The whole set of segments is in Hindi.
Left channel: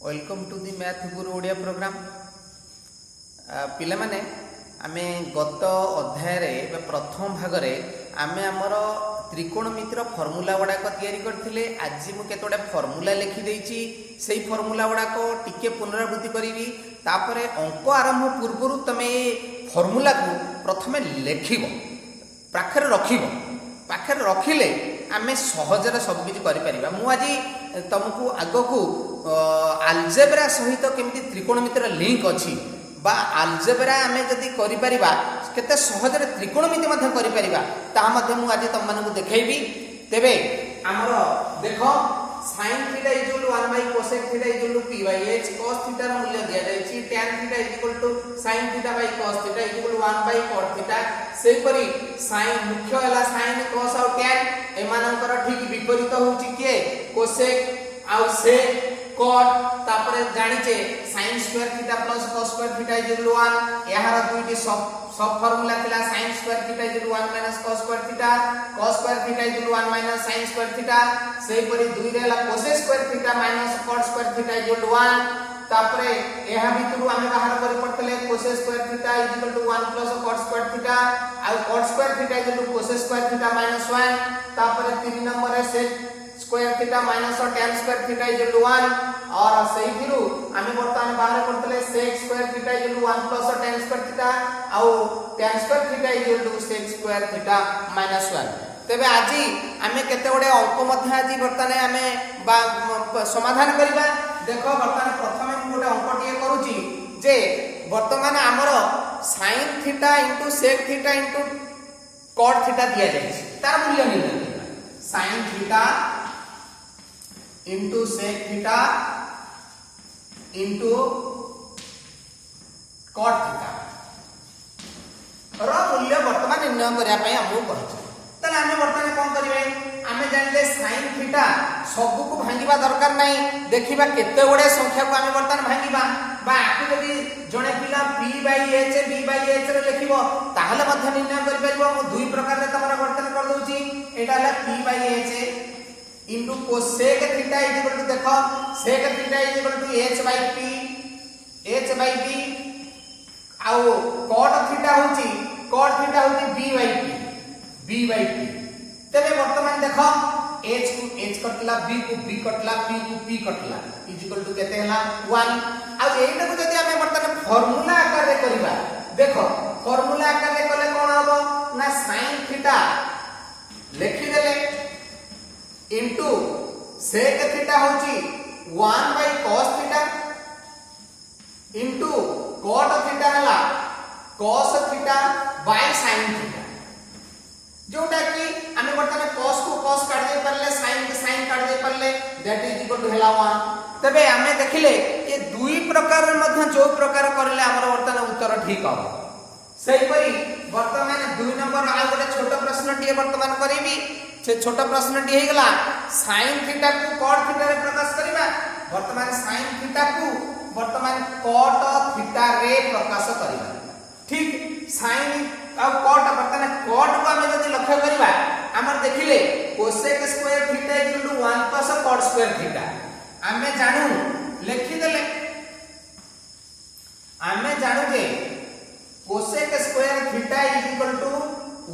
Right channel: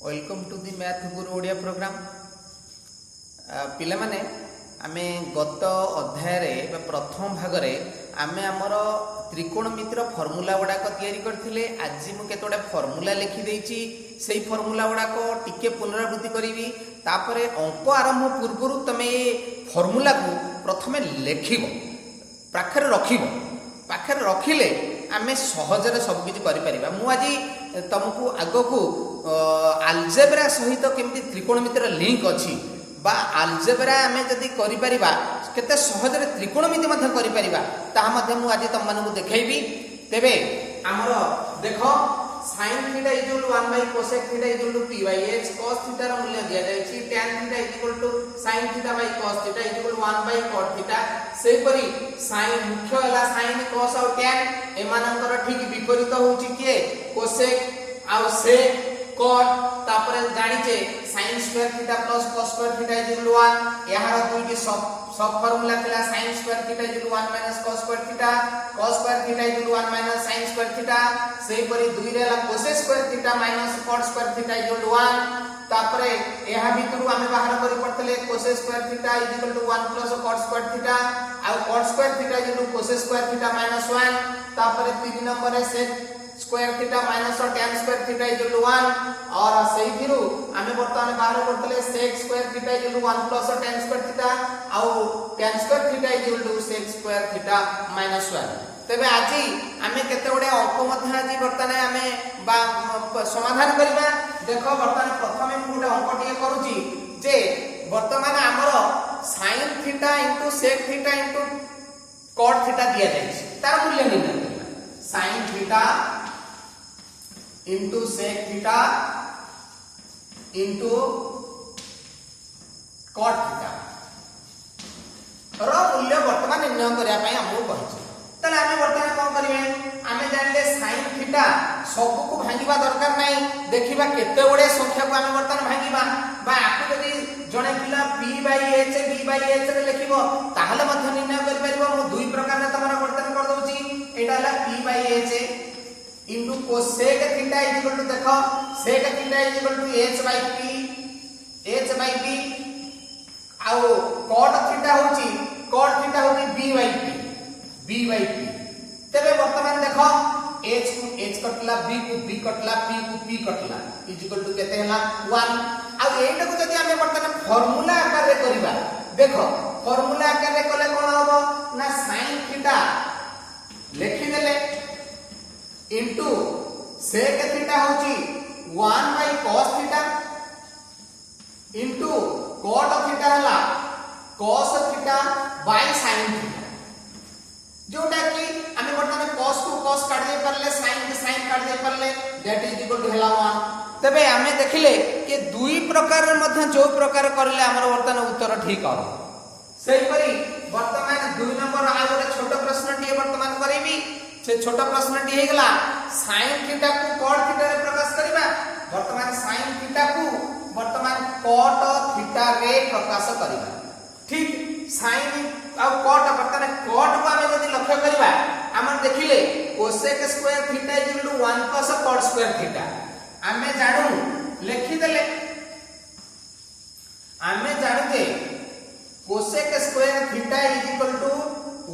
Welcome to the math Guru Odia programme पिला माने आमे गत अध्याय प्रथम भाग आमे आमर त्रिकोणमितिर फर्मुला गुड़ाक तैयारी करथिले। आज मु केतोडा फर्मुला लिखि देइछि, सेही फर्मुला गुड़ाक टिके पुनरावृत्ति करिवि। तापरे अंक आरंभ पूर्वरु तमे फर्मुला को प्रथमे लेखिबो, पाखरे रखिबो। पाखरे रखिले आमे सहजरे सब किछि करि परिबा। मु आज तुमको आगकू आलजेब्रा सहित केमती त्रिकोणमितिर लिंक अछि बा आलजेब्रा आमे जदि करि परिबा केते सहजरे त्रिकोणमिति मध्ये करि परिबा ता मध्ये मु आज तुम मानकु देखैबी। तेबे हमर देखो sin theta equal to 1 by cosec theta equal to p by h, cos theta रा मूल्य दिया जायछि tan theta equal to sin theta by cos theta equal to 1 by cot theta. सेही परी sin मुख्य हला sin cos और tan एमानकर ठीक विपरीत होछि के cosec आउ sec cot। तापरे जानिचे sin square theta plus cos square theta equal to 1। यार दुईटी सब फार्मूला थिला sin square theta equal to 1 minus cos square theta, cos square theta equal to 1 minus sin square theta. सेही परी दुई रे हला cos square theta minus cot square theta equal to 1। तापरे एहा भितरु आमे बाहर करि पड़तले cos square theta equal to 1 plus cot square theta आ cot square theta equal to cos square theta minus 1। तापरे 3 नंबर रे sec स्क्वायर थीटा माइनस और tan square theta equal to 1। और सही फिरु आमे वर्तमान बाहर करतले sec square theta equal to 1 plus और tan स्क्वायर थीटा आ tan square theta equal to sec square theta minus 1। तबे आजी आमे केते गुडे अंक मध्ये आजी वर्तमान आमे समाधान करिबा। देखो वर्तमान प्रथमे मु गुडे अंक टिए करूची जे वर्तमान हमर sin theta * sec theta * cot theta दिया जायछि, तार मूल्य निर्णय करबा। sin theta into sec theta into cot theta रो मूल्य वर्तमान निर्णय करिया पई हमहु कहछि। तले आमे वर्तमान कोन करिवे, आमे जानले sin थीटा सबु को भांगिबा दरकार नै। देखिबा केते गुडे संख्या को आमे वर्तमान भांगिबा बा आकु जदी जणे पिला p by h b by h रे लिखिबो ताहले मध्ये निर्णय करि परिबो। मु दुई प्रकार रे तमरा वर्तमान कर दउची। एटा हला p by h into cosec theta equal to देखो sec theta equal to h by b आउ cot थीटा होची b by p। तबे वर्तमान देखो h को h कटला, b को b कटला, p को p कटला इक्वल टू केते हला 1। आ एटा को जदी हमें वर्तमान फार्मूला आकार रे करिबा, देखो फार्मूला आकार रे कले कोन होबो ना sin थीटा लिखि देले into sec थीटा होची 1 by cos theta into cot theta हला cos theta by sin theta. जोटा कि हमें वर्तमान cos को cos काट दे परले, sin को sin काट दे परले, that is equal to हला 1। तबे हमें देखिले कि दुई प्रकार मध्ये जो प्रकार करले हमर वर्तमान उत्तर ठीक हो। सही परी वर्तमान 2 नंबर आ गोटे छोट प्रश्न टी वर्तमान करेबी। से छोट प्रश्न टी हेगला sin थीटा को cot थीटा रे प्रकाश करिबा। वर्तमान sin थीटा को वर्तमान cot थीटा रे प्रकाश करिबा। ठीक sin आ cot वर्तमान cot को हमें जदी लक्ष्य करिबा, हमर देखिले cosec square theta equal to 1 plus cot square theta हमें जानु लिखि देले। हमें जानु जे cosec square theta equal to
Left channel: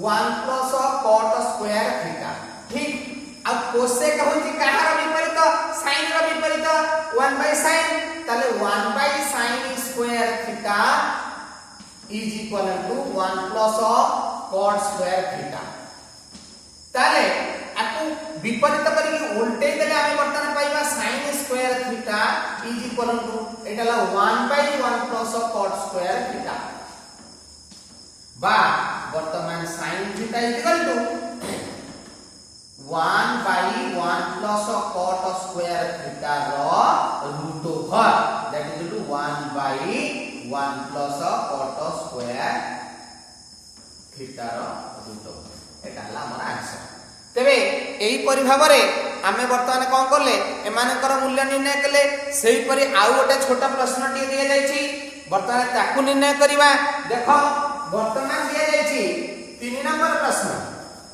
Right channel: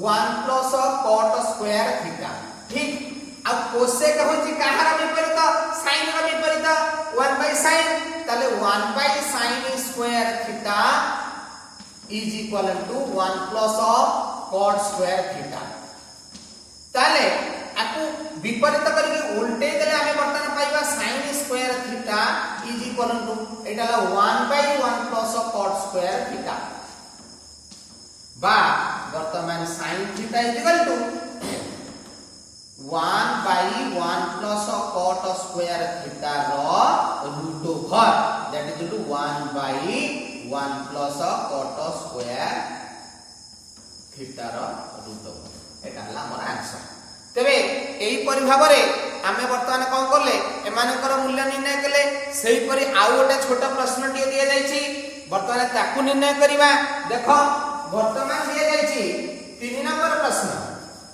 1 plus cot square theta. ठीक अब cosec होची काहार विपरीत, sin रो विपरीत 1 बाय sin, तले 1 by sin square theta is equal to 1 plus cot square theta. तले आकु विपरीत करी उल्टे देले हमें वर्तमान पाइबा sin square theta is equal to एटाला 1 by 1 plus cot square theta बा वर्तमान sin theta equal to 1 by 1 plus cot square theta root over, that is equal to 1 by 1 plus cot square theta root over। एटा हला हमर आंसर। तबे एई परि भाबरे आमे वर्तमान कोन करले एमानकर मूल्य निर्णय कले। सेही परि आउ गोटे छोटा प्रश्न टी दिया जायछि, वर्तमान ताकू निर्णय करिबा। देखो वर्तमान दिया जायछि 3 नंबर प्रश्न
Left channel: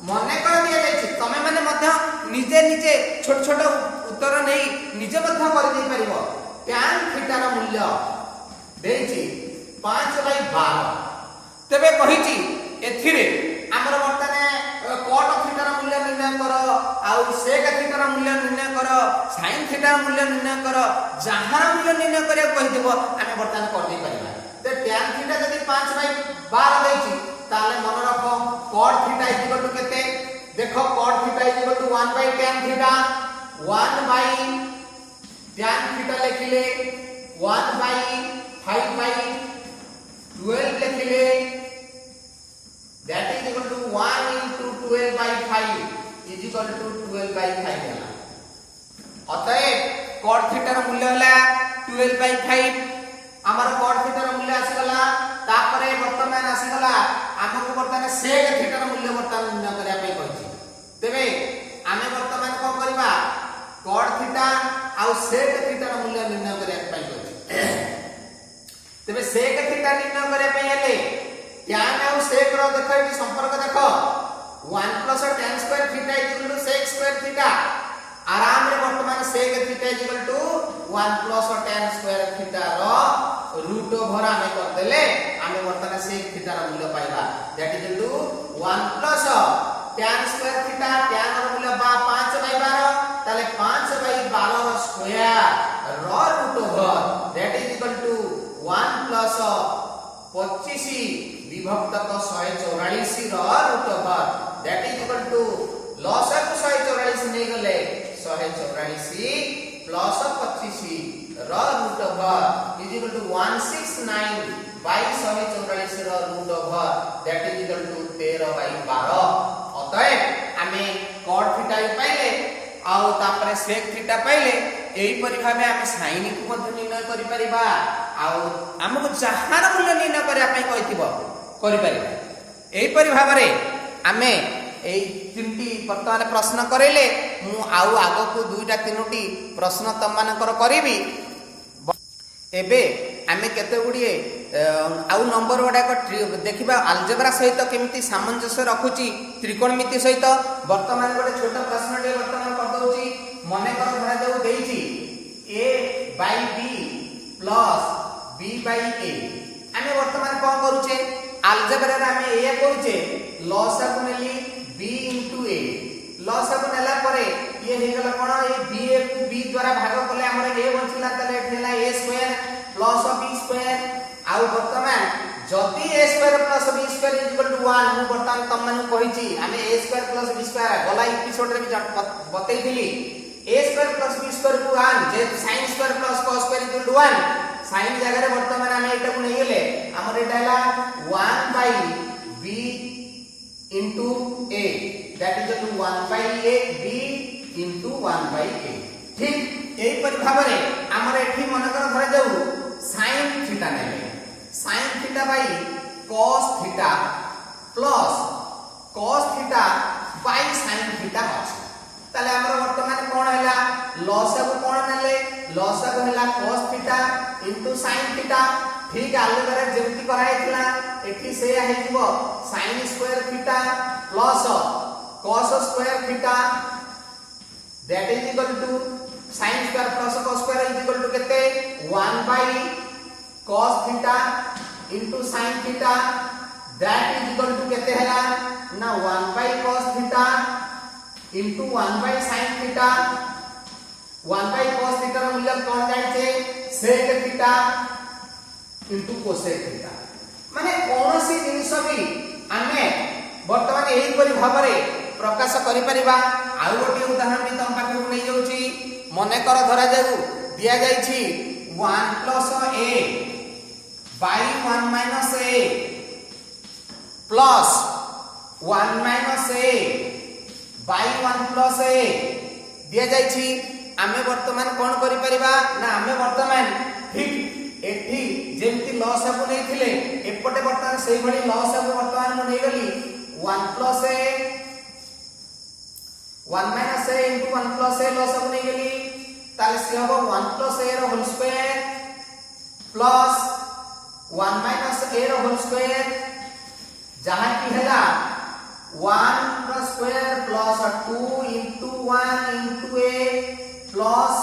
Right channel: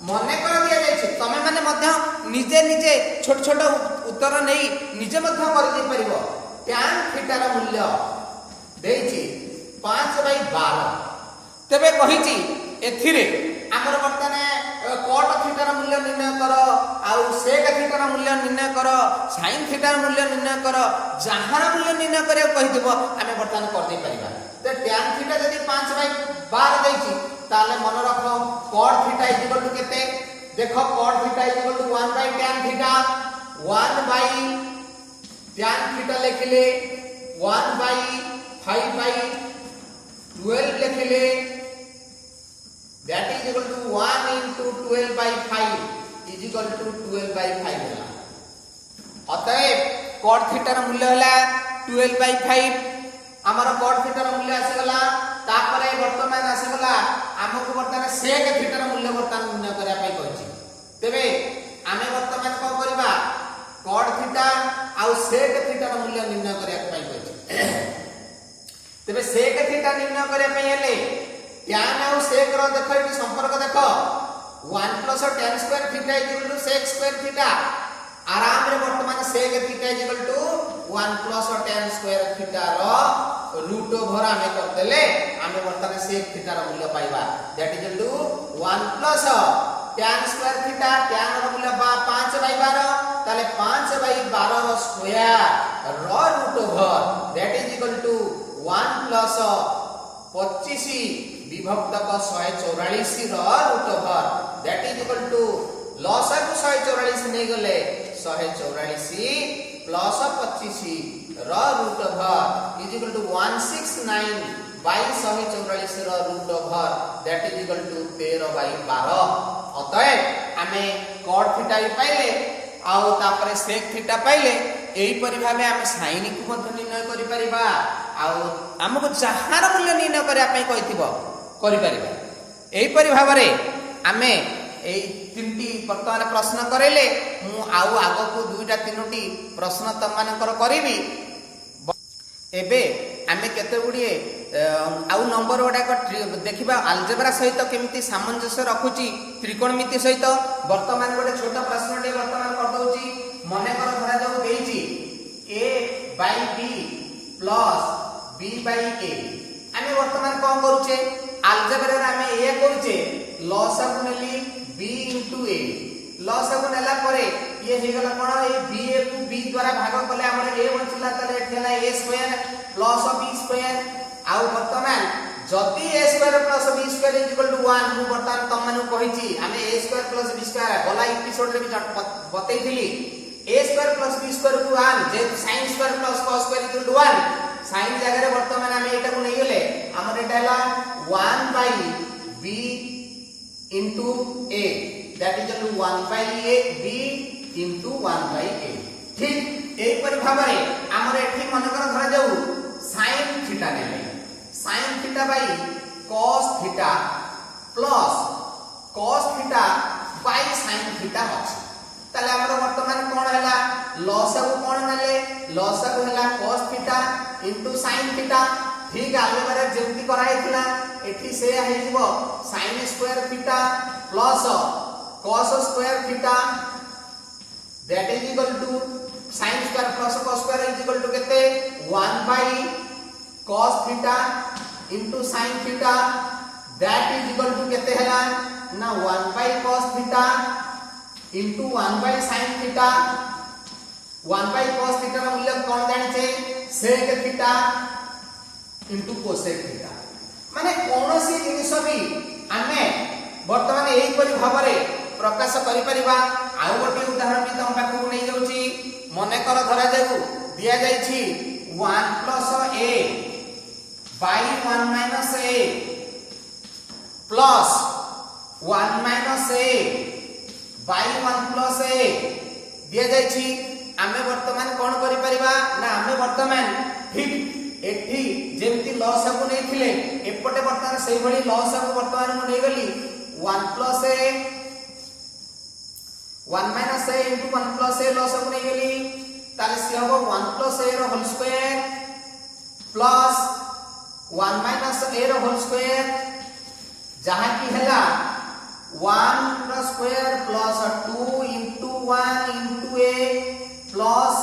मने कर दिया जायछि। तमे माने मध्य निजे निजे छोट छोट उत्तर नै निजे मध्य कर दे परिबो। tan थीटा रो मूल्य देछि 5/12 तबे कहिछि एथिरे हमर वर्तने cot थीटा रो मूल्य निर्णय कर आउ sec थीटा रो मूल्य निर्णय कर sin थीटा रो मूल्य निर्णय कर जहार मूल्य निर्णय करे कहि देबो हमें वर्तमान कर दे परिबा तो tan थीटा यदि 5/12 देछि ताले मन रखो cot थीटा इक्वल टू केते देखो cot theta equal to 1/tan theta 1/tan theta लिखिले 1/5/12 लिखिले that is equal to 1 into 12/5 is equal to 12/5 ହେଲା अतएव cot थीटा ର मूल्य ହେଲା 12/5 हमर cot थीटा ର मूल्य आसीगला तापरे वर्तमान आसीगला हमकु वर्तमान sec थीटा ର मूल्य वर्तमान निर्णय करिया पई कहछि तेबे आमे वर्तमान कोन करबा cot थीटा आ sec थीटा र मूल्य निर्णय करिया पई कहछि तेबे sec थीटा निर्णय करिया पई हेले tan और sec रो देखो ई संपर्क देखो 1 + tan square theta = sec square theta आराम रे वर्तमान sec theta = 1 + tan square theta रो रूट ओवर हमें कर देले हमें वर्तमान sec थीटा रो मूल्य पाइबा that is = 1 + tan square theta tan रो मूल्य 5/12 ताले 5/12 रो स्क्वायर रो रूट ओवर दैट इज = 1 + 25 विभक्त 144 रो root over that is equal to लसक 144 नै गले 144 प्लस 25 रो root over is equal to 169/144 रो root over that is equal to 13/12 अतः हमें cot थीटा पाइले आ तापरे sec थीटा पाइले एही परि भाबे हम sin को मध्य निर्णय करि परिबा आ हमको जहार मूल्य निर्णय करिया पई कहिथिबो करि परिबा एही परि भाबरे हमें एई तीनटी वर्तमान प्रश्न करेले मु आउ आगो को दुईटा तीनोटी प्रश्न तम मानकर करिवि एबे आमे केते गुडिए आउ नंबर गुडा देखिबा अलजेब्रा सहित केमिति सामंजस्य रखुची त्रिकोणमिति सहित वर्तमान गोटे छोटा प्रश्न डे वर्तमान कर दउची मने कर धरा जाउ देइची a/b + b/a आमे वर्तमान कोन करूचे अलजेब्रा रे आमे ए करूचे लसक नेली b * a लसक नेला परे ये हे गला कोन ए b a को b द्वारा भाग कले हमर a बंचिला तले एठेला a square plus b square आउ वर्तमान जति a square plus b square = 1 मु वर्तमान तम मानु कहिची हमें a square plus b square गला एपिसोड रे भी बतैथिली a square plus b square को 1 जे sin square plus cos square = 1 sin जगह रे वर्तमान हमें एटा को नै गेले हमर एटा हला 1/b into a that is equal to 1/a b into 1/a ठीक एई परि भाबरे हमर एठी मन कर धरा जाऊ sin थीटा नेले sin theta by cos theta plus cos theta by sin theta अछि ताले हमर वर्तमान कोन हैला लसक कोन नेले लसक हैला cos theta into sin theta ठीक आलबरे जेमति कराइतला एठी से हेजिबो sin square theta plus cos square theta that is equal to sin square plus cos square is equal to केते 1/cos theta into sin theta that is equal to केते हैला ना 1/cos theta into 1/sin theta 1/cos theta रो मूल्य कोन जानि छे sec theta into cosec theta माने कोनोसी जिनिस भी हमें वर्तमान एही परि भाबरे प्रकाश करि परिबा आउ गोटे उदाहरण भी तम पाखु नै जाउची मने कर धरा जाऊ दिया जाईची 1 + a by 1 - a plus 1 - a by 1 + a दिया जाईची आमे वर्तमान कोन करि परिबा ना आमे वर्तमान ठीक एठी जेमति लॉस को नै थिले एपटे वर्तमान सही भली लॉस को वर्तमान मु नै गली 1 + a 1 - a into 1 + a लॉस को नै गली ताले से हो 1 + a रो होल स्क्वायर प्लस 1 - a रो होल स्क्वायर जहां की हैला 1 रो square plus 2 into 1 into a plus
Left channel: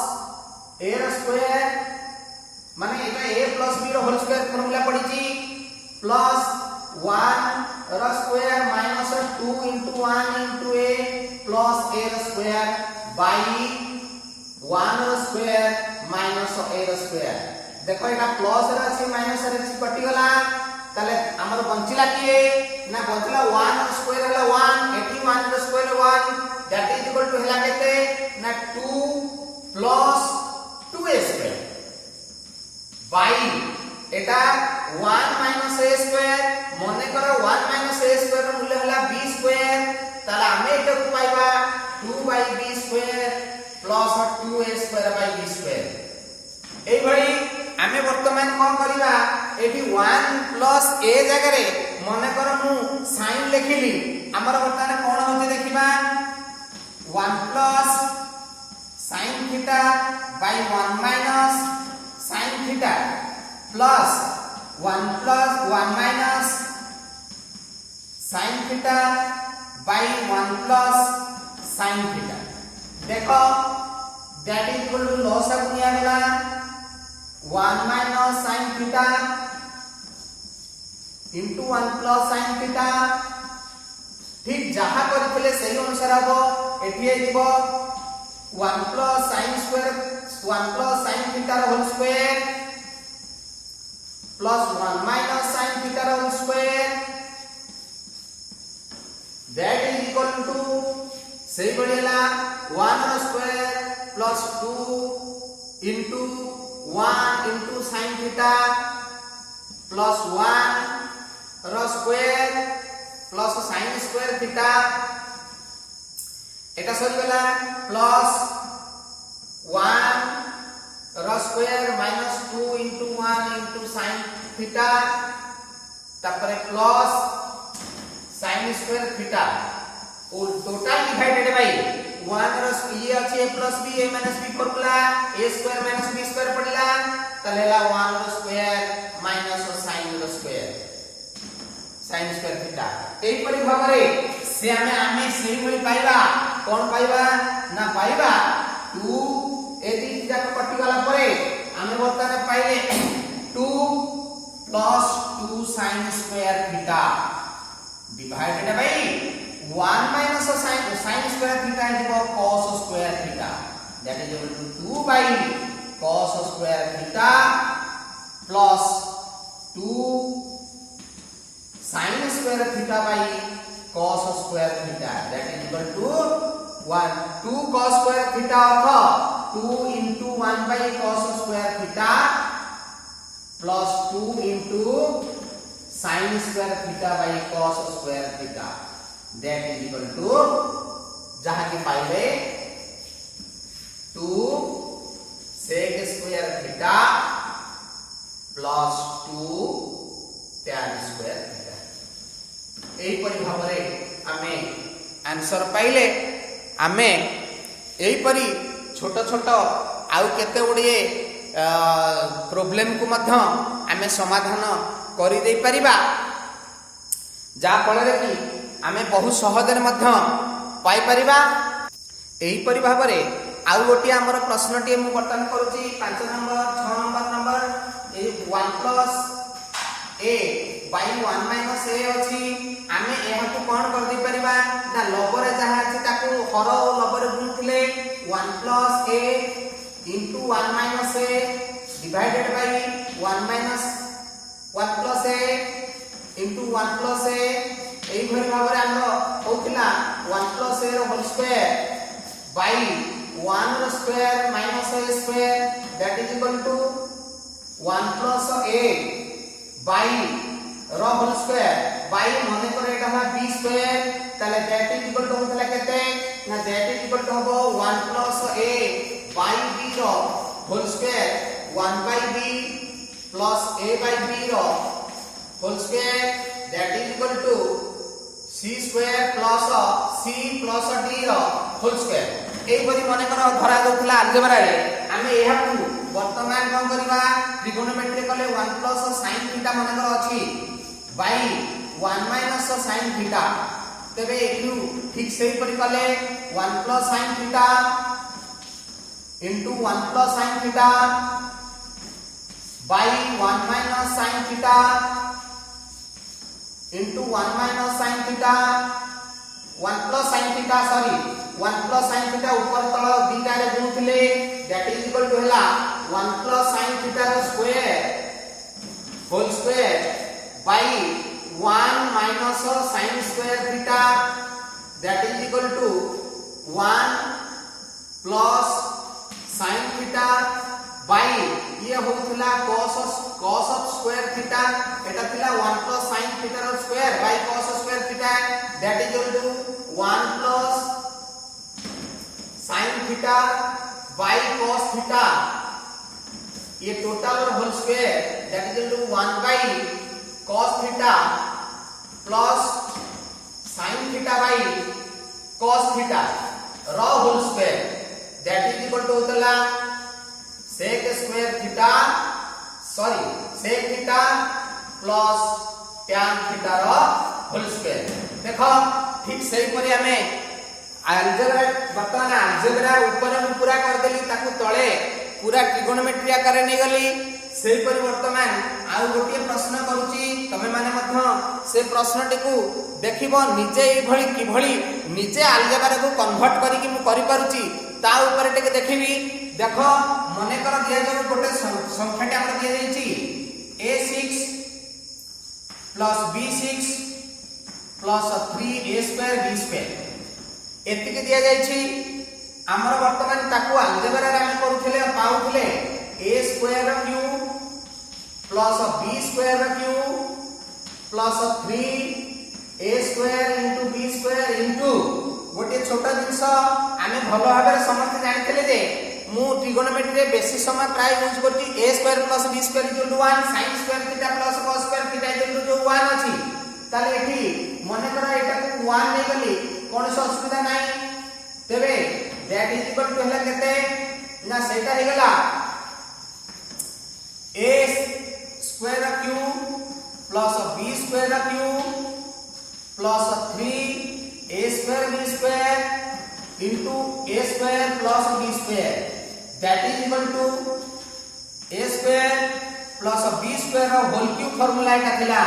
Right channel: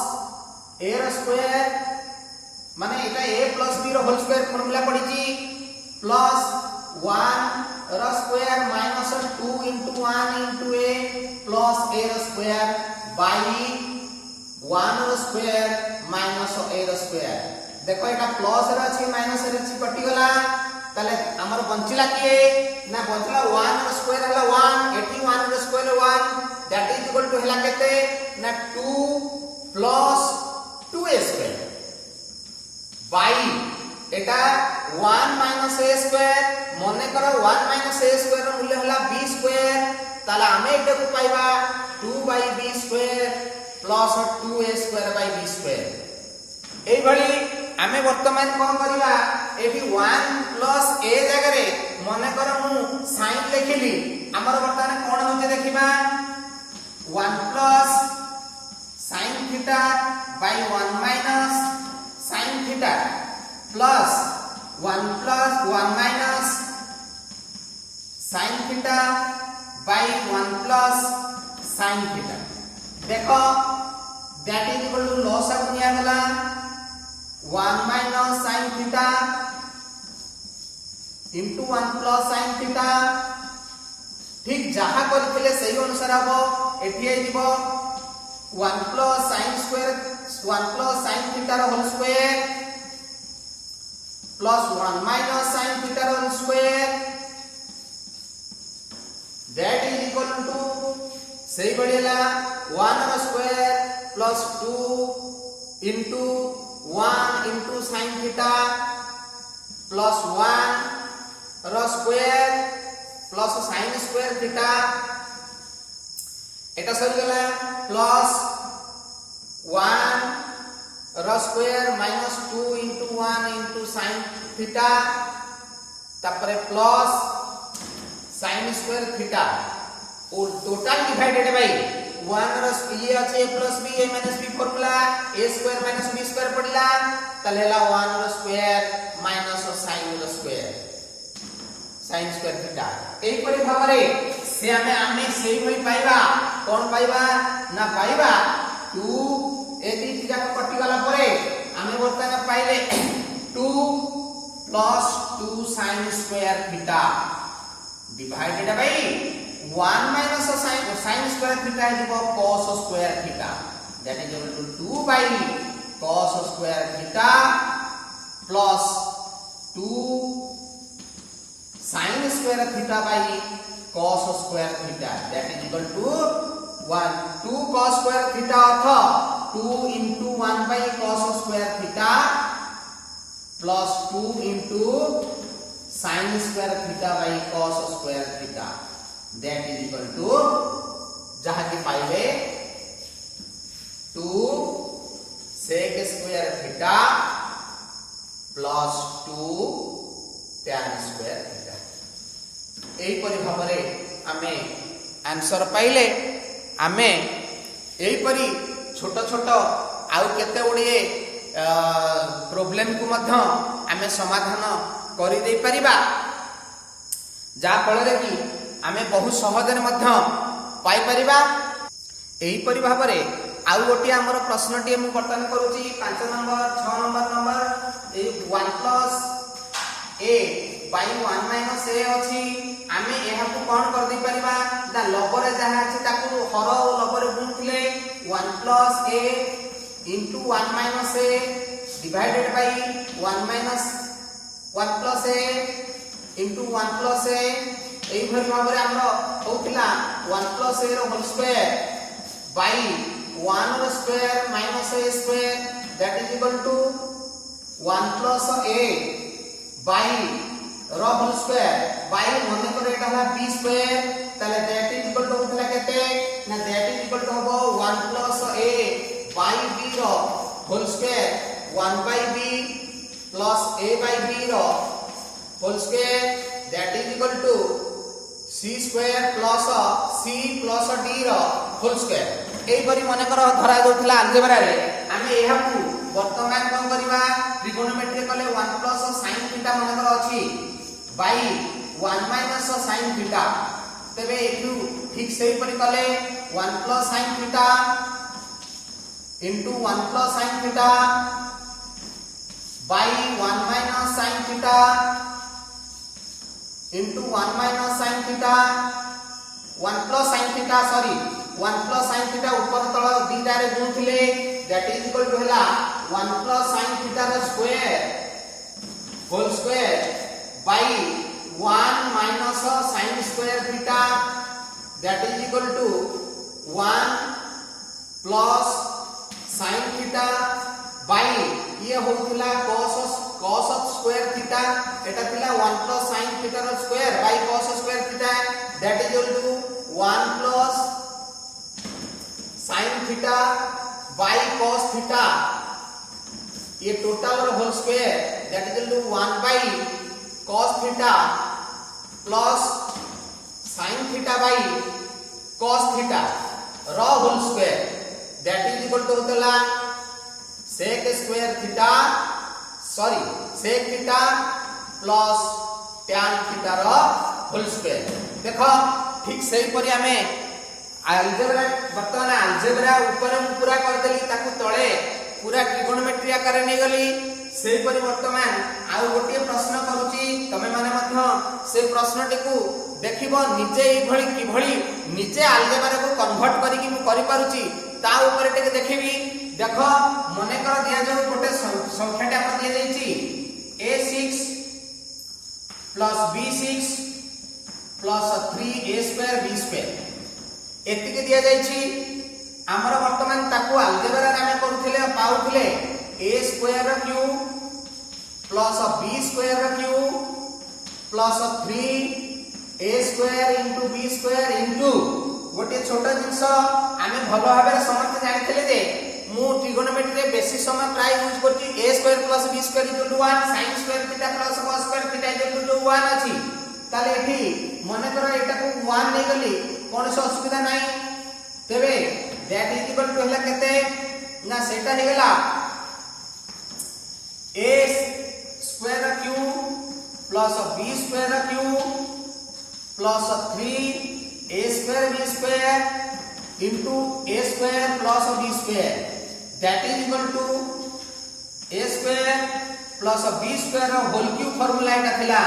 a रो स्क्वायर माने एटा a प्लस b रो होल स्क्वायर फार्मूला पड़ी छी प्लस 1 रो square minus 2 into 1 into a plus a रो स्क्वायर बाई 1 रो स्क्वायर माइनस a रो स्क्वायर। देखो एटा प्लस रे अछि माइनस रे अछि कटि गला ताले हमर बंचिला किए ना बंचिला 1 रो स्क्वायर हला 1 एठी 1 रो square 1 that is equal to हला केते ना 2 plus 2a square by Etah 1 minus a square मने करो 1 माइनस a स्क्वायर रो मूल्य हला b स्क्वायर ताले हमें एटा को पाइबा 2 by b square plus 2a square by b square. एई भली हमें वर्तमान कोन करिबा एठी 1 प्लस a जगह रे मने करो मु sin लिखिली हमर वर्तमान कोन होते देखिबा 1 plus sin theta by 1 minus sin theta plus 1 plus 1 minus sin theta by 1 plus sin theta. देखो दैट इज इक्वल टू लॉस ऑफ गुणिया गला 1 minus sin theta into 1 plus sin theta ठीक जहा करथिले सही अनुसार हबो एठी आइबो 1 plus sin square 1 plus sin theta रो whole square plus 1 minus sin theta रो whole square that is equal to सही बढ़ियाला 1 रो square plus 2 into 1 into sin theta plus 1 रो square plus sin square theta एटा सही गला प्लस 1 रो square minus 2 into 1 into sin theta तापरे प्लस sin स्क्वायर थीटा और टोटल डिवाइडेड बाय 1 रो ये अछि a plus b a minus b formula a square minus b square पडिला तलेला 1 रो स्क्वायर माइनस sin रो स्क्वायर sin स्क्वायर थीटा एई परि भाबरे से हमें सही होई पाइबा कोन पाइबा ना पाइबा 2 ए दी जाक कटि गला परे हमें वर्तमान पाइले 2 plus 2 sin square theta divided by 1 minus sin square theta is equal cos square theta that is equal to 2 by cos square theta plus 2 sin square theta by cos square theta that is equal to 1 2 cos square theta अर्थ 2 into 1 by cos square theta plus 2 into sin square theta by cos square theta that is equal to जहां के पाइले 2 sec square theta plus 2 tan square theta एई परि भाबरे हमें आंसर पाइले हमें एई परि छोट छोट आउ केते उड़िए प्रॉब्लम को मध्य हमें समाधान करि दे परिबा जा फल रे कि हमें बहुत सहज रे मध्य पाई परिबा एही परि भाबरे आउ गोटी हमर प्रश्नटी मु वर्तन करूची 5 number 6 number A 1 plus a by 1 minus a अछि आमे एहा को कोन कर दे परिबा दा लबरे जहा अछि ताकू हर लबरे गुणथिले 1 plus a into 1 minus a divided by 1 minus 1 plus a into 1 plus a एई भई भाबरे हमरो होतिला 1 plus a रो होल स्क्वायर by 1 रो square minus a square that is equal to 1 plus a by रो होल स्क्वायर by मने करे एटा हा b स्क्वायर ताले that is equal to होतला केते ना that is equal to हबो 1 plus a by b रो whole square 1 by b plus a by b रो whole square that is equal to c square plus c प्लस d रो होल स्क्वायर एई परि मने कर धरा जाउतला अलजेब्रा रे आमे एहा को वर्तमान कोन करबा ट्रिगोनोमेट्री कले 1 प्लस sin थीटा मने कर अछि बाई 1 माइनस sin थीटा तबे एठू ठीक सही परि कले 1 plus sin theta into 1 plus sin theta by 1 minus sin theta into 1 minus sin theta 1 plus sin theta sorry 1 plus sin theta ऊपर तଳ दीटा रे गुणुथिले that is equal to हला 1 plus sin theta रो square whole square by 1 minus sin square theta that is equal to 1 plus sin theta by ये होउतला cos of square theta एटा थिला 1 plus sin theta रो square by cos square theta that is equal to 1 plus sin theta by cos theta ये टोटल और whole square that is equal to 1 by cos theta plus sin theta by cos theta रो whole square that is equal to होतला sec square theta sorry sec theta plus tan theta रो होल स्क्वायर देखो ठीक सही परी हमें अलजेब्रा वर्तमान अलजेब्रा ऊपर मु पूरा कर देली ताकू तळे पूरा ट्रिगोनोमेट्री आकार नै गली सेही परी वर्तमान आ गोटे प्रश्न करूची तमे माने मध्य से प्रश्नटी को देखिबो निजे ए भली कि भली निजे अलजेब्रा को कन्वर्ट करी कि मु करि पारुची ता ऊपर टेके देखिबी देखो मने कर दिया जो गोटे संख्याटी आपण दिया जाईची a6 plus b6 plus 3a square b square एतिके दिया जाईची हमर वर्तमान ताकू अलजेब्रा रे हम करूथिले पाउथिले a square रो क्यूब plus b square रो cube plus 3a square into b square into गोटे छोटा जिंस आमे भलो भाबरे समस्त जानिथिले जे मु ट्रिगोनोमेट्री रे बेसी समय प्राय यूज करती a square plus b square equal to 1 sin square theta plus cos square theta equal to 1 अछि ताले एठी मने कर एटा को 1 नै गली कोन से असुविधा नै तबे that is equal to हला केते ना सेटा हे गला a square cube plus b square cube plus 3a square b square into a square plus b square that is equal to a square plus b square whole cube formula एटा थिला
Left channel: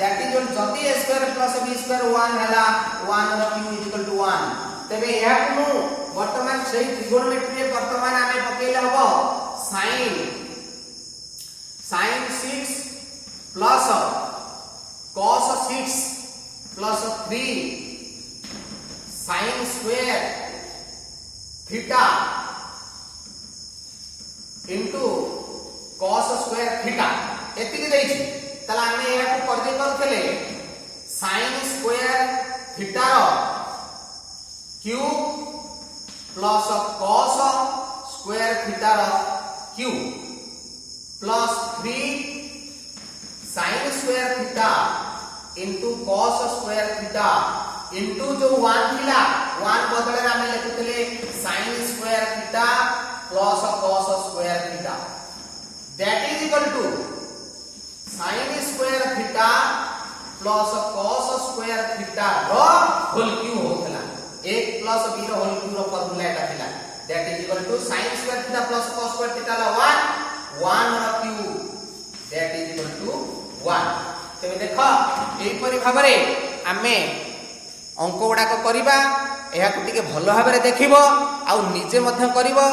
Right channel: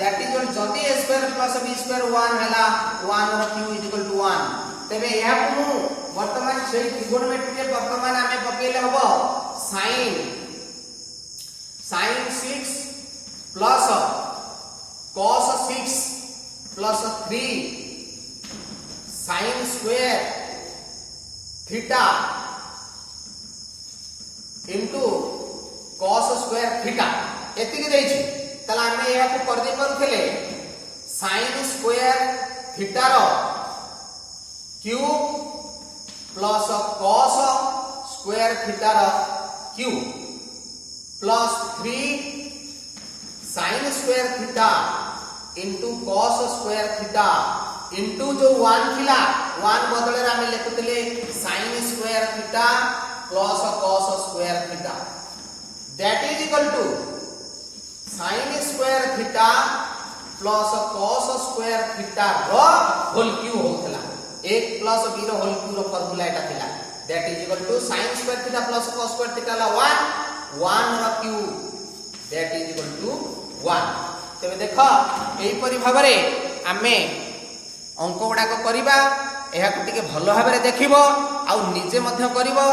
that is equal जति a square plus b square 1 हला 1 रो cube is equal to 1 तबे या को वर्तमान से ट्रिगोनोमेट्री रे वर्तमान आमे पकेले हबो sin 6 plus cos 6 plus 3 sin square theta into cos square theta एतिके देछि तला हमें या को करजे करथले sin square theta रो cube plus cos square theta रो cube plus 3 sin square theta into cos square theta into जो 1 थिला 1 बदले रे हम लिखुतले sin square theta plus cos square theta that is equal to sin square theta plus cos square theta रो होल क्यूब होतला 1 plus b रो होल क्यूब रो फार्मूला एटा थिला that is equal to sin square theta plus cos square theta ला 1 रो cube that is equal to 1 तबे देखो एई परि भाबरे आमे अंक गुडा को करिबा एहा को टिके भलो भाबरे देखिबो आ निजे मध्य करिबो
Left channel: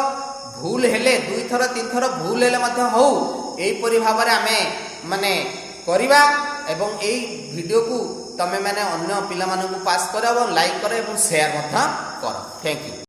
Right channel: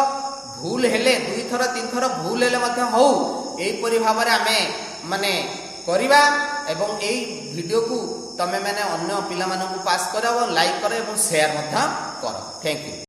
भूल हेले 2 थर 3 थर भूल हेले मध्य हो एई परि भाबरे आमे माने करिबा एवं एई वीडियो को तमे माने अन्य पिला मानकु पास करबो लाइक करे एवं शेयर मध्य करो थैंक यू।